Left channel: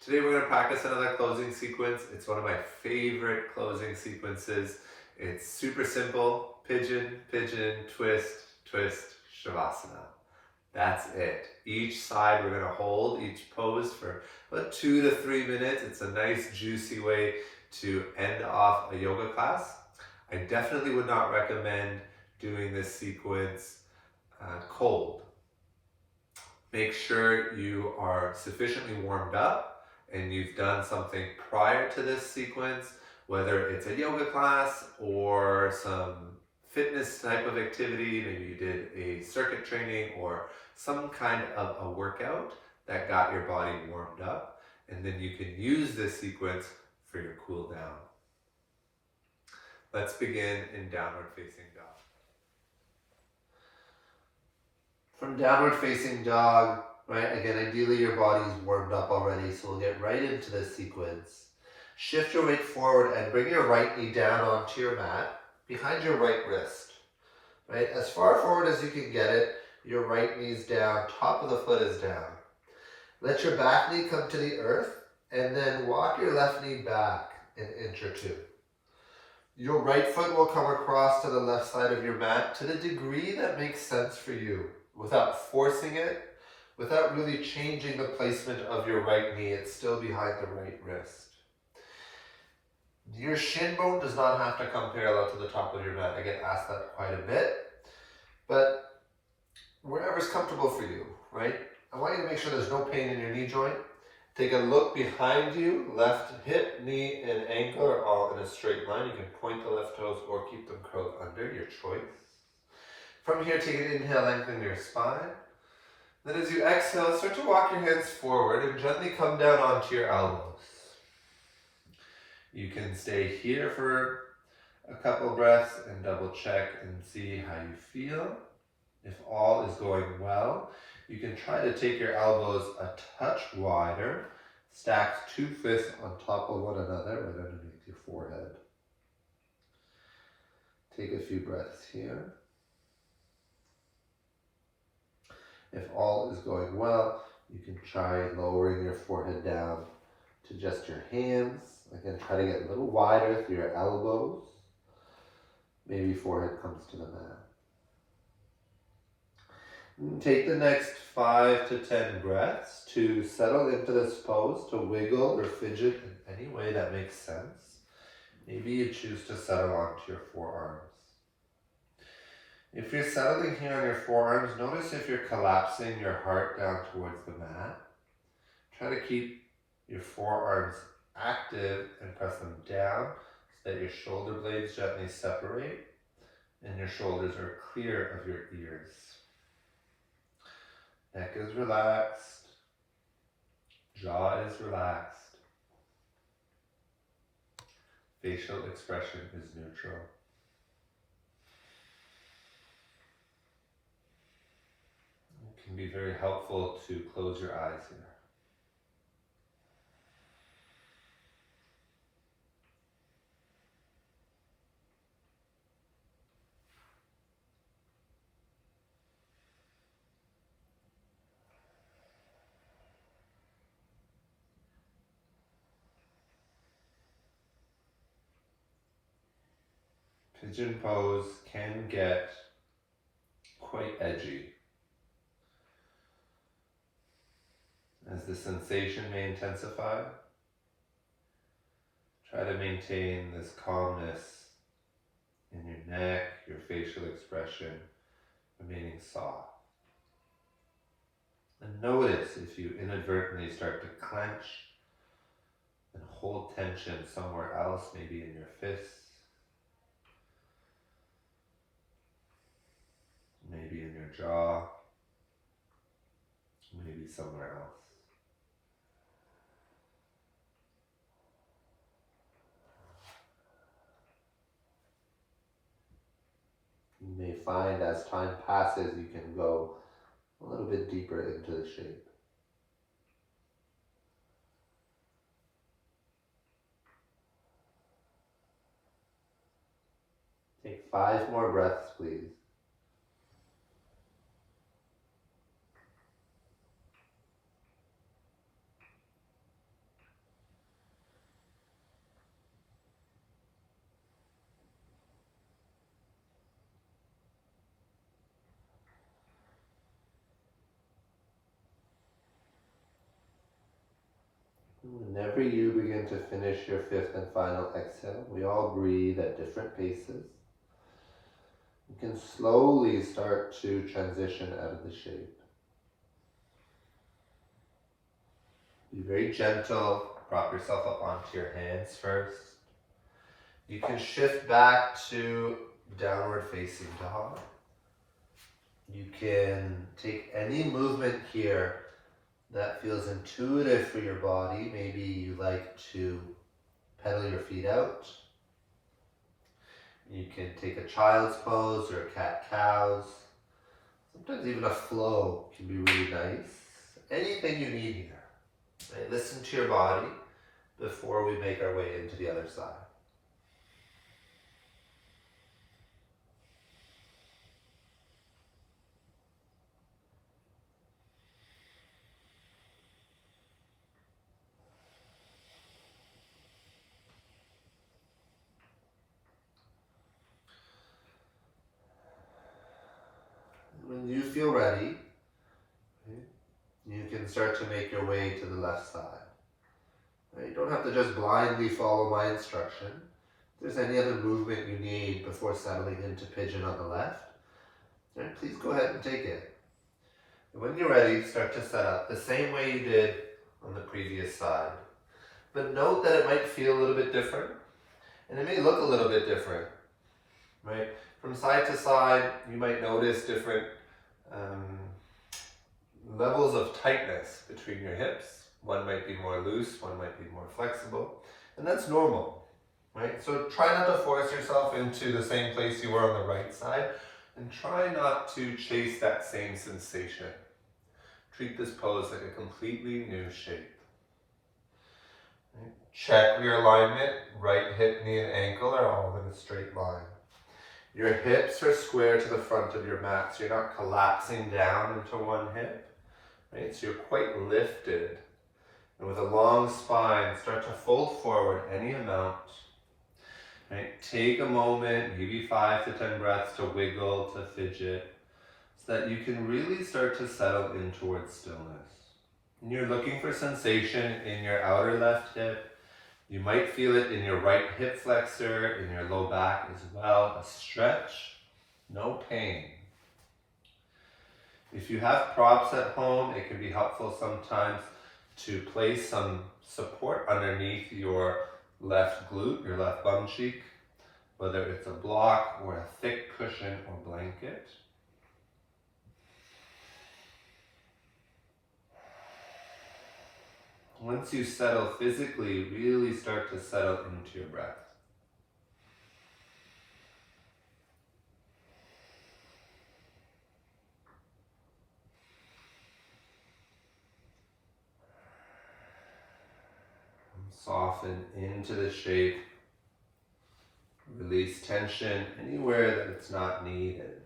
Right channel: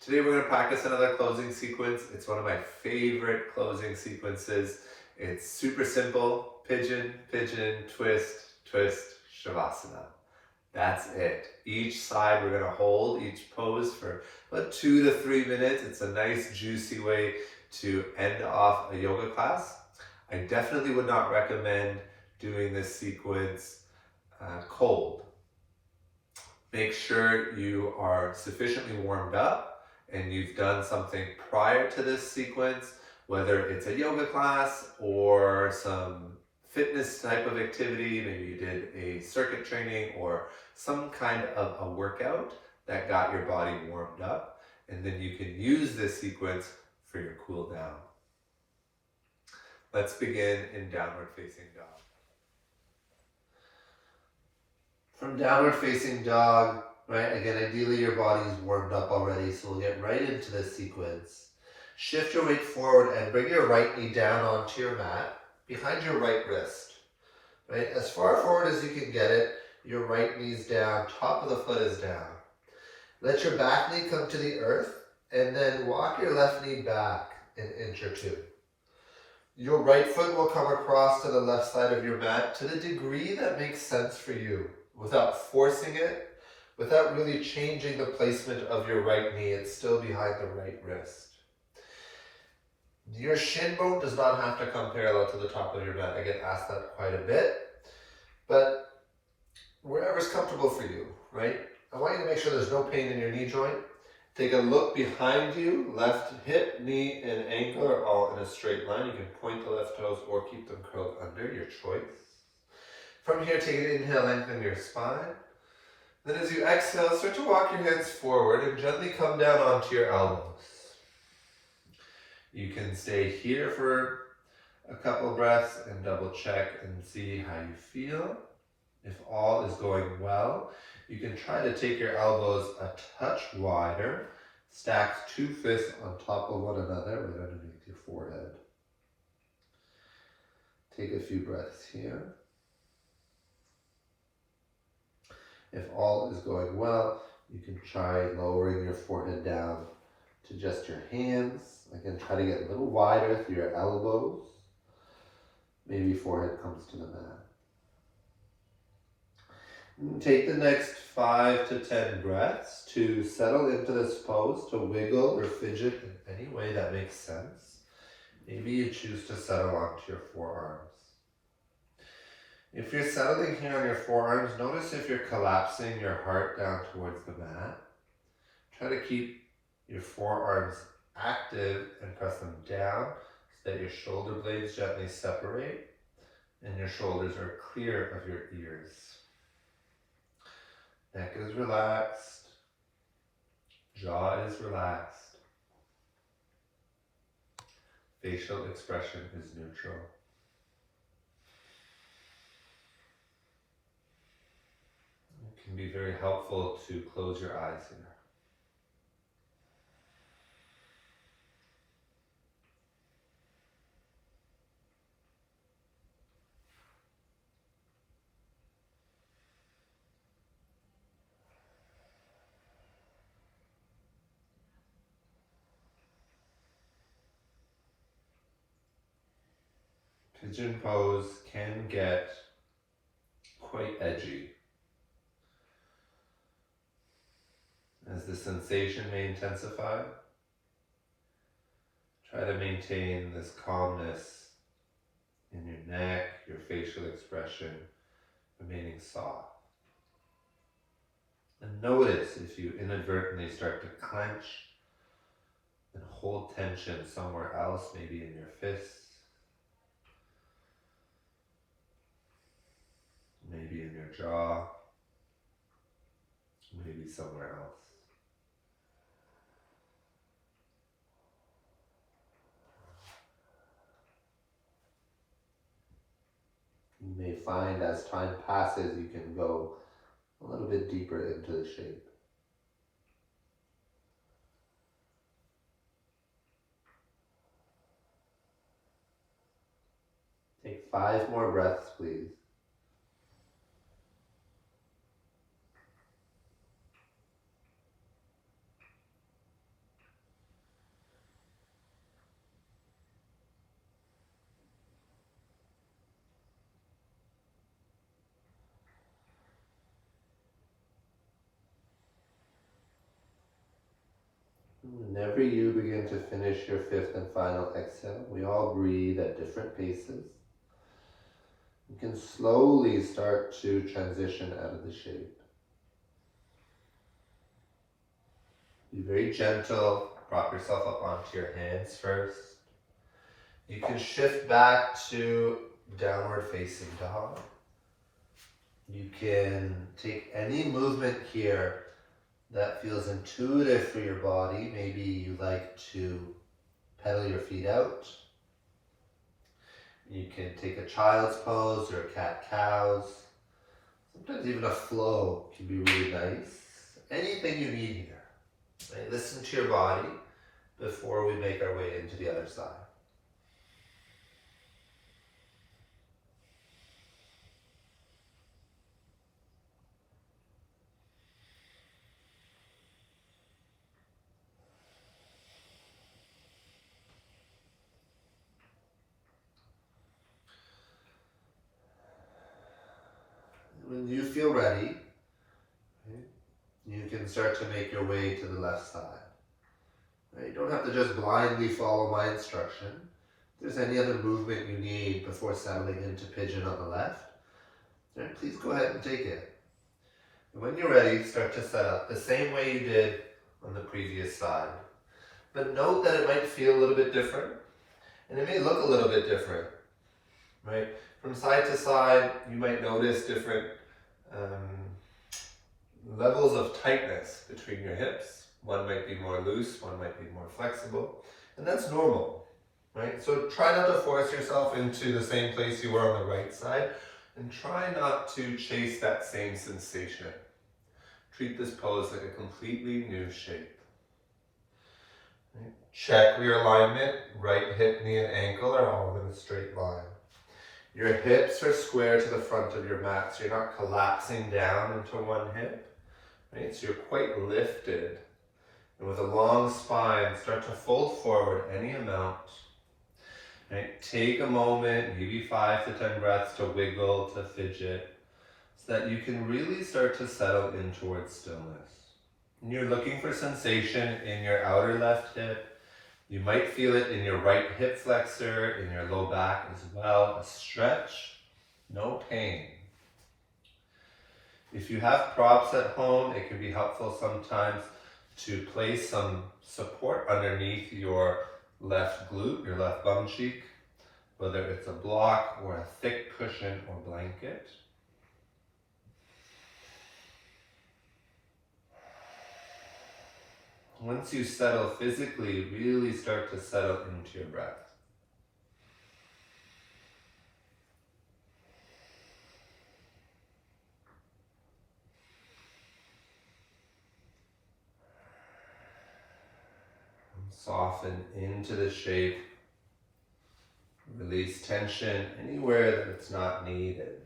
Today we're going to practice another closing sequence. It's one of my favorite closing sequences. It's super simple. Pigeon, pigeon, twist, twist, Savasana. That's it. Each side we're going to hold each pose for about 2 to 3 minutes. It's a nice juicy way to end off a yoga class. I definitely would not recommend doing this sequence cold. Make sure you are sufficiently warmed up and you've done something prior to this sequence, whether it's a yoga class or some fitness type of activity. Maybe you did a circuit training or some kind of a workout that got your body warmed up, and then you can use this sequence for your cool down. Let's begin in downward facing dog. From downward facing dog, right, again, ideally your body is warmed up already, so we'll get right into this sequence. Shift your weight forward and bring your right knee down onto your mat, behind your right wrist, right? As far forward as you can get it, your right knee's down, top of the foot is down. Let your back knee come to the earth, and then walk your left knee back an inch or two. Your right foot will come across to the left side of your mat to the degree that makes sense for you, without forcing it, without really changing the placement of your right knee. It's still behind the right wrist. Your shin bone does not have to come parallel to the top of your mat. I get asked that quite a bit, but wherever's comfortable for you, right? I want you to make sure there's no pain in your knee joint. Take a look behind you. Left hip, knee, and ankle are all in a straight line. You can point the left toes or keep them curled under, your choice. From here, take an inhale, lengthen your spine. Then as you exhale, start to walk your hands forward and gently come down onto your elbows. You can stay here for a couple breaths and double check and see how you feel. If all is going well, you can try to take your elbows a touch wider, stack 2 fists on top of one another right underneath your forehead. Take a few breaths here. If all is going well, you can try lowering your forehead down to just your hands. Again, try to get a little wider through your elbows. Maybe forehead comes to the mat. And take the next 5 to 10 breaths to settle into this pose, to wiggle or fidget in any way that makes sense. Maybe you choose to settle onto your forearms. If you're settling here on your forearms, notice if you're collapsing your heart down towards the mat. Try to keep your forearms active and press them down so that your shoulder blades gently separate and your shoulders are clear of your ears. Neck is relaxed. Jaw is relaxed. Facial expression is neutral. It can be very helpful to close your eyes here. Pigeon pose can get quite edgy, as the sensation may intensify. Try to maintain this calmness in your neck, your facial expression remaining soft. And notice if you inadvertently start to clench and hold tension somewhere else, maybe in your fists, maybe in your jaw, maybe somewhere else. You may find as time passes, you can go a little bit deeper into the shape. Take 5 more breaths, please. Whenever you begin to finish your fifth and final exhale, we all breathe at different paces. You can slowly start to transition out of the shape. Be very gentle. Prop yourself up onto your hands first. You can shift back to downward facing dog. You can take any movement here that feels intuitive for your body. Maybe you like to pedal your feet out. You can take a child's pose or cat-cows. Sometimes even a flow can be really nice. Anything you need here. Right? Listen to your body before we make our way into the other side. When you feel ready, you can start to make your way to the left side. You don't have to just blindly follow my instruction. If there's any other movement you need before settling into pigeon on the left, please go ahead and take it. And when you're ready, start to set up the same way you did on the previous side. But note that it might feel a little bit different, and it may look a little bit different. Right? From side to side, you might notice different levels of tightness between your hips. One might be more loose, one might be more flexible, and that's normal, right? So try not to force yourself into the same place you were on the right side, and try not to chase that same sensation. Treat this pose like a completely new shape. Check your alignment. Right hip, knee, and ankle are all in a straight line. Your hips are square to the front of your mat, so you're not collapsing down into one hip. Right? So you're quite lifted. And with a long spine, start to fold forward any amount. Right? Take a moment, maybe 5 to 10 breaths to wiggle, to fidget, so that you can really start to settle in towards stillness. And you're looking for sensation in your outer left hip. You might feel it in your right hip flexor, in your low back as well. A stretch, no pain. If you have props at home, it can be helpful sometimes to place some support underneath your left glute, your left bum cheek, whether it's a block or a thick cushion or blanket. Once you settle physically, really start to settle into your breath. Soften into the shape. Release tension anywhere that it's not needed.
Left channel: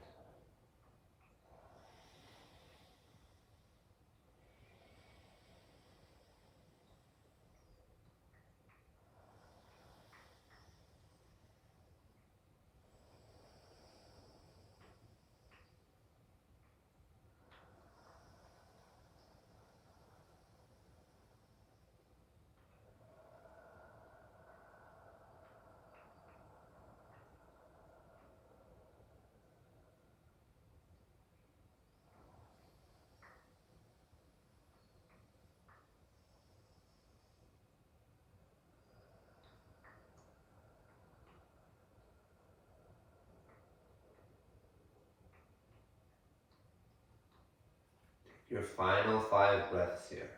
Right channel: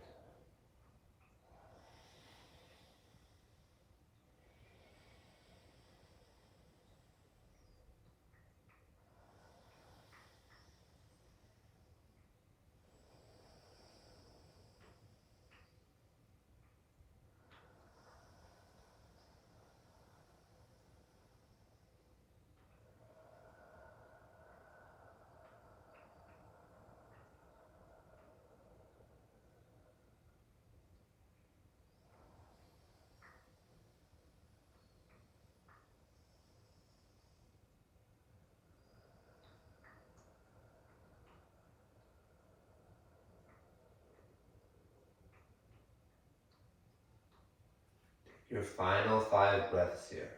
Your final 5 breaths here.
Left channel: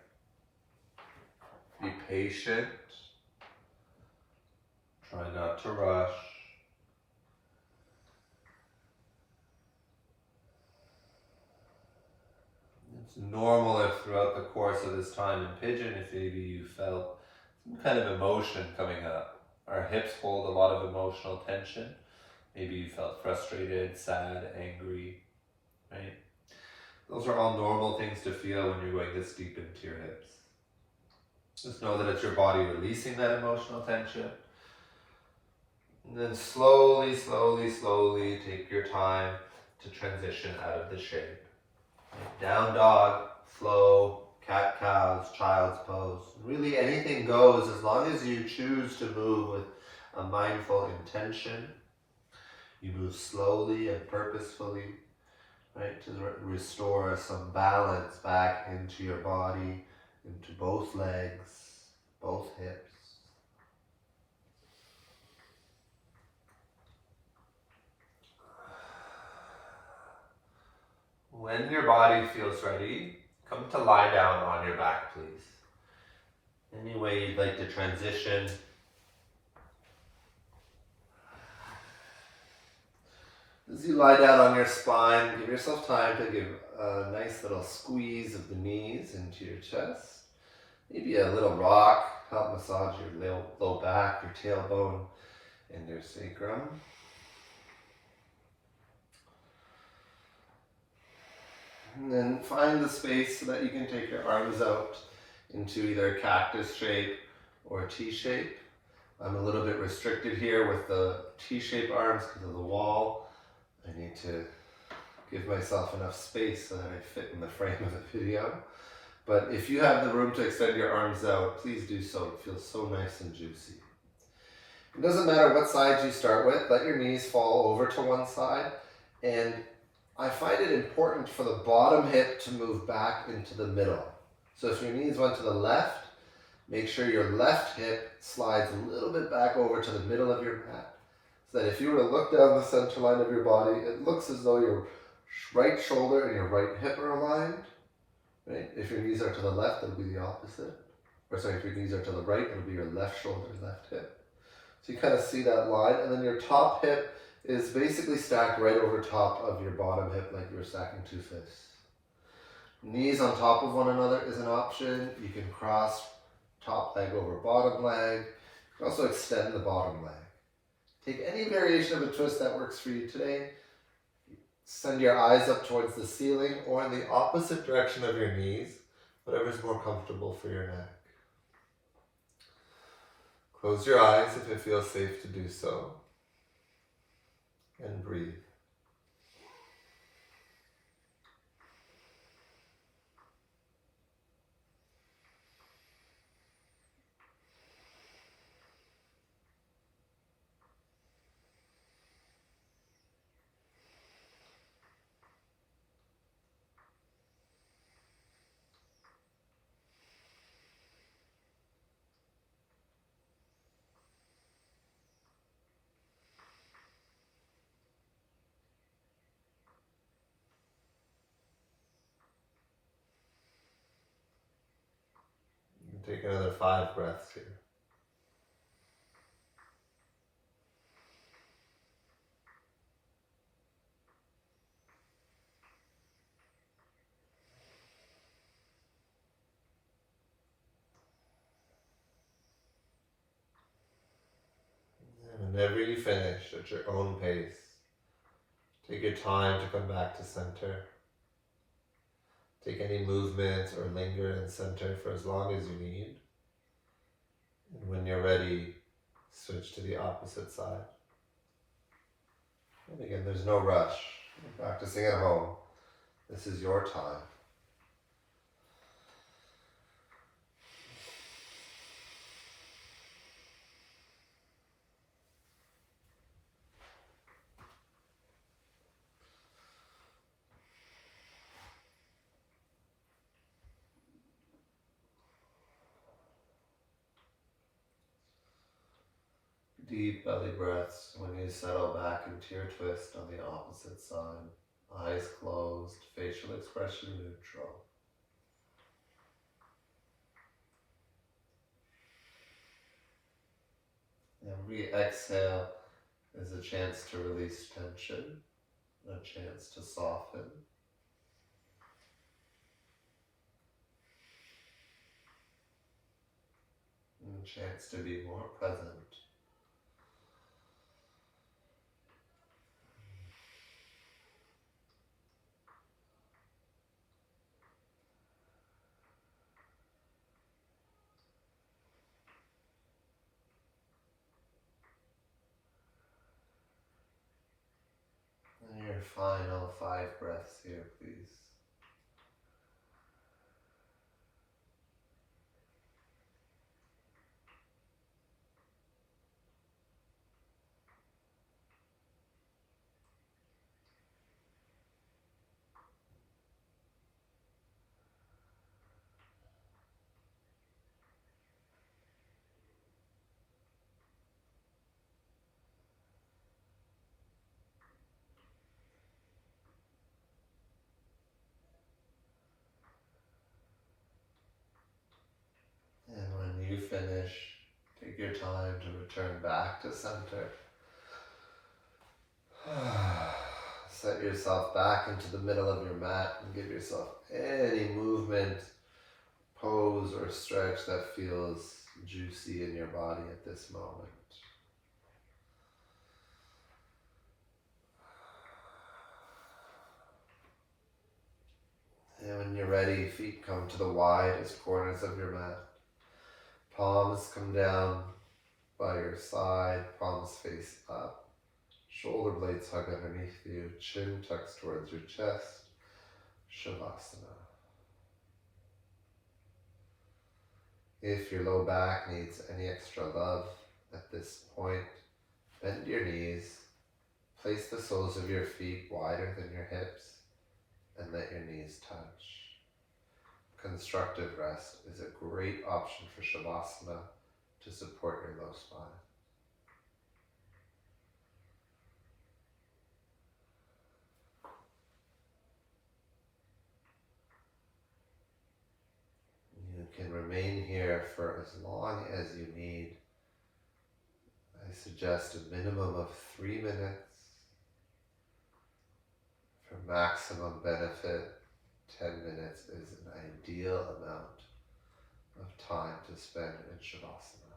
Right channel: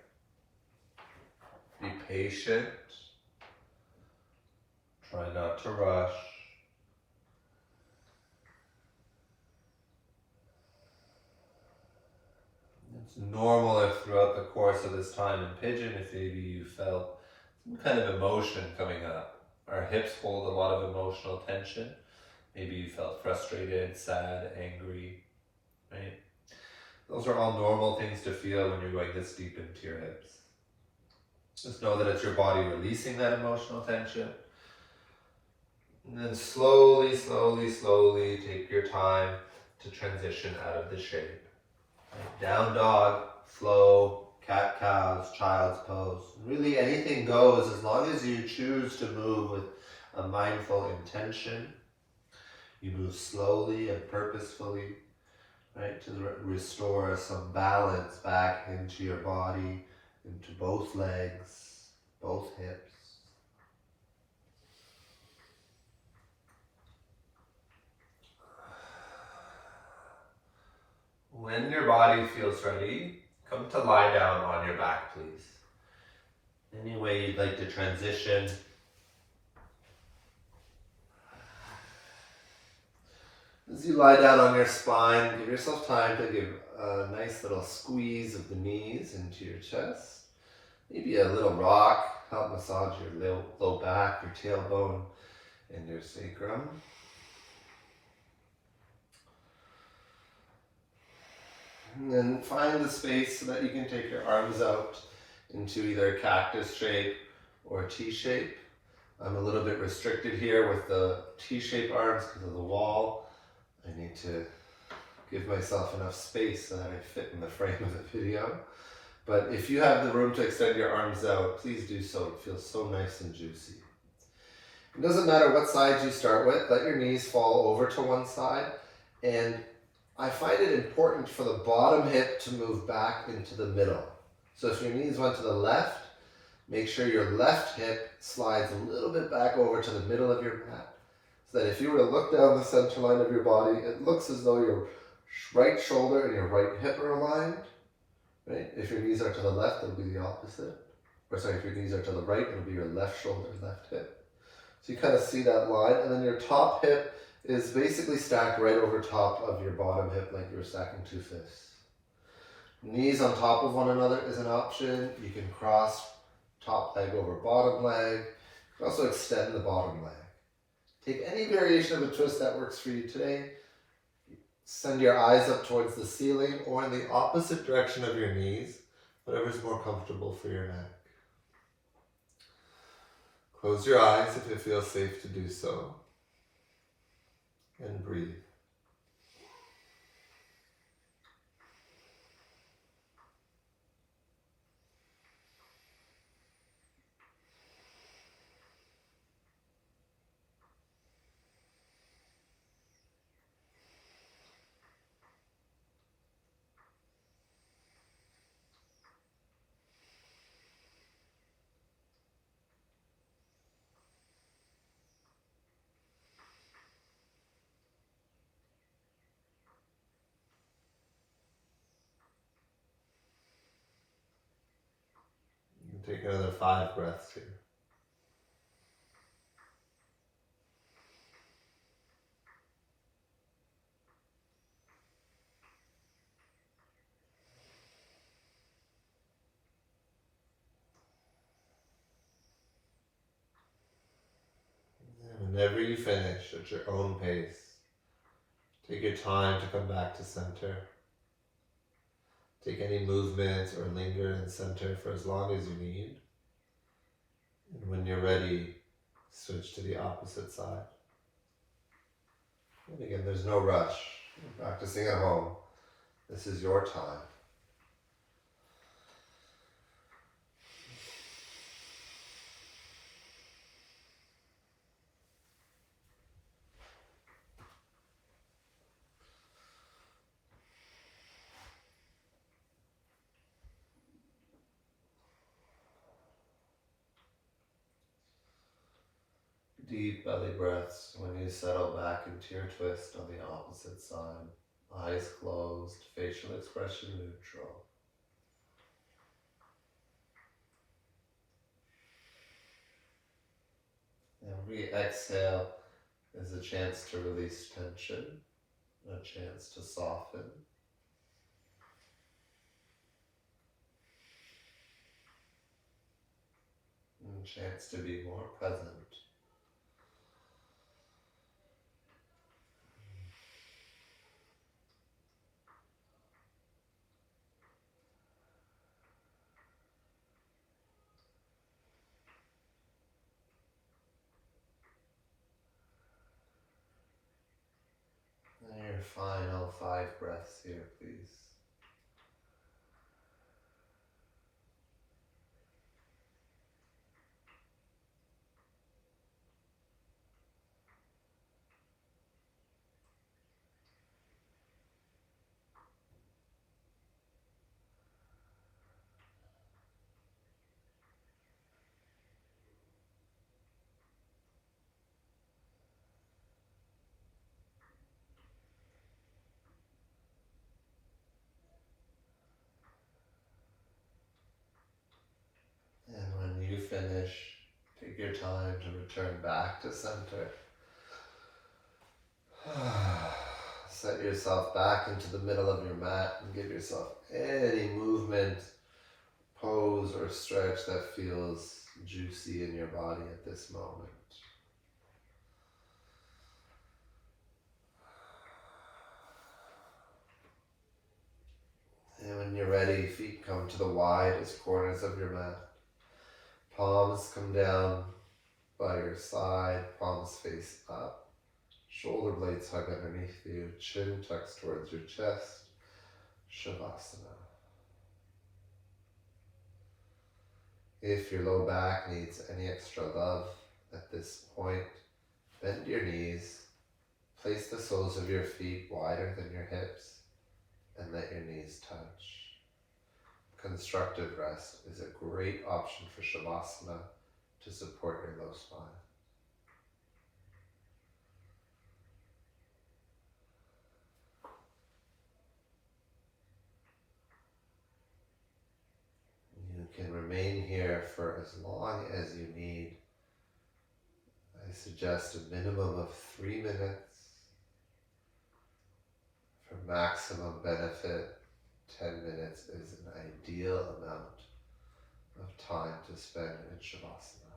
Be patient. Try not to rush. It's normal if throughout the course of this time in Pigeon, if maybe you felt some kind of emotion coming up. Our hips hold a lot of emotional tension. Maybe you felt frustrated, sad, angry, right? Those are all normal things to feel when you're going this deep into your hips. Just know that it's your body releasing that emotional tension. And then slowly, slowly, slowly take your time to transition out of the shape. Down dog, flow, cat-cows, child's pose. Really anything goes as long as you choose to move with a mindful intention. You move slowly and purposefully, right, to restore some balance back into your body, into both legs, both hips. When your body feels ready, come to lie down on your back, please. Any way you'd like to transition. As you lie down on your spine, give yourself time to give a nice little squeeze of the knees into your chest. Maybe a little rock, help massage your low back, your tailbone, and your sacrum. And then find the space so that you can take your arms out into either a cactus shape or a T shape. I'm a little bit restricted here with the T-shaped arms because of the wall. I need to give myself enough space so that I fit in the frame of the video. But if you have the room to extend your arms out, please do so. It feels so nice and juicy. It doesn't matter what side you start with. Let your knees fall over to one side. And I find it important for the bottom hip to move back into the middle. So if your knees went to the left, make sure your left hip slides a little bit back over to the middle of your mat. So that if you were to look down the center line of your body, it looks as though your right shoulder and your right hip are aligned. Right? If your knees are to the left, it'll be the opposite. Or sorry, if your knees are to the right, it'll be your left shoulder, left hip. So you kind of see that line, and then your top hip is basically stacked right over top of your bottom hip like you were stacking two fists. Knees on top of one another is an option. You can cross top leg over bottom leg. You can also extend the bottom leg. Take any variation of a twist that works for you today. Send your eyes up towards the ceiling or in the opposite direction of your knees, whatever's more comfortable for your neck. Close your eyes if it feels safe to do so. And breathe. Take another 5 breaths here. And whenever you finish at your own pace, take your time to come back to center. Take any movements or linger in center for as long as you need. And when you're ready, switch to the opposite side. And again, there's no rush. You're practicing at home. This is your time. Deep belly breaths when you settle back into your twist on the opposite side. Eyes closed, facial expression neutral. Every exhale is a chance to release tension, a chance to soften. And a chance to be more present. And your final 5 breaths here, please. you finish, take your time to return back to center. Set yourself back into the middle of your mat and give yourself any movement, pose, or stretch that feels juicy in your body at this moment. And when you're ready, feet come to the widest corners of your mat. Palms come down by your side, palms face up. Shoulder blades hug underneath you, chin tucks towards your chest. Savasana. If your low back needs any extra love at this point, bend your knees, place the soles of your feet wider than your hips, and let your knees touch. Constructive rest is a great option for Savasana to support your low spine. You can remain here for as long as you need. I suggest a minimum of 3 minutes. For maximum benefit, 10 minutes is an ideal amount of time to spend in Savasana.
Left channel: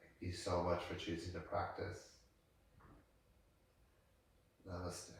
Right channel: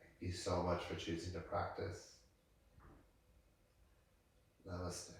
Thank you so much for choosing to practice. Namaste.